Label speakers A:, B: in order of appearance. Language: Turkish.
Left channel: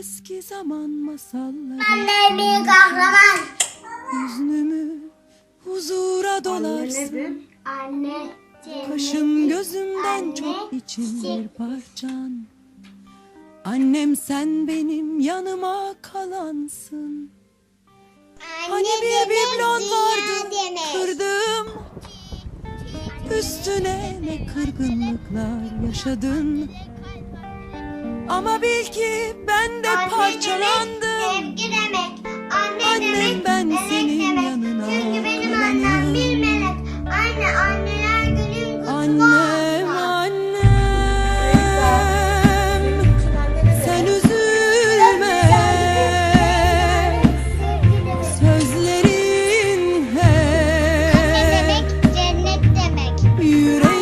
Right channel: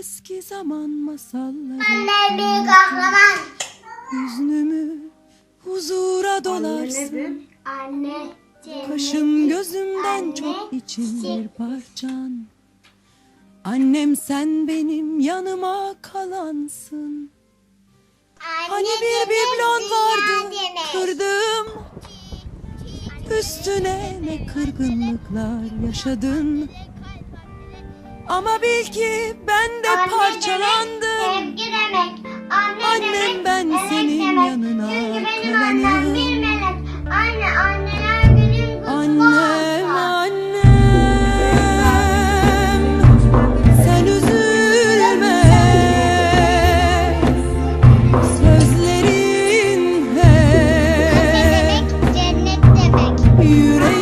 A: eski zaman masalları.
B: Anne bir kahraman.
A: Hüznümü huzura
C: Anne
A: dolarsın?
B: Anne.
A: Kaşım gözümden
B: Anne,
A: çok için bir parçan. Annem sen benim yanıma kalansın. Hani bir biblon vardı kırdım Üstüne ne kırgınlıklar yaşadın. Ama bil ki ben de
B: Anne
A: parçalandım.
B: Sevgi demek, anne
A: Annem
B: demek,
A: ben
B: melek
A: senin
B: demek.
A: yanına
B: annem kalanım. Anne, anne Annem sen üzülme sözlerin Anne hep yüreğim.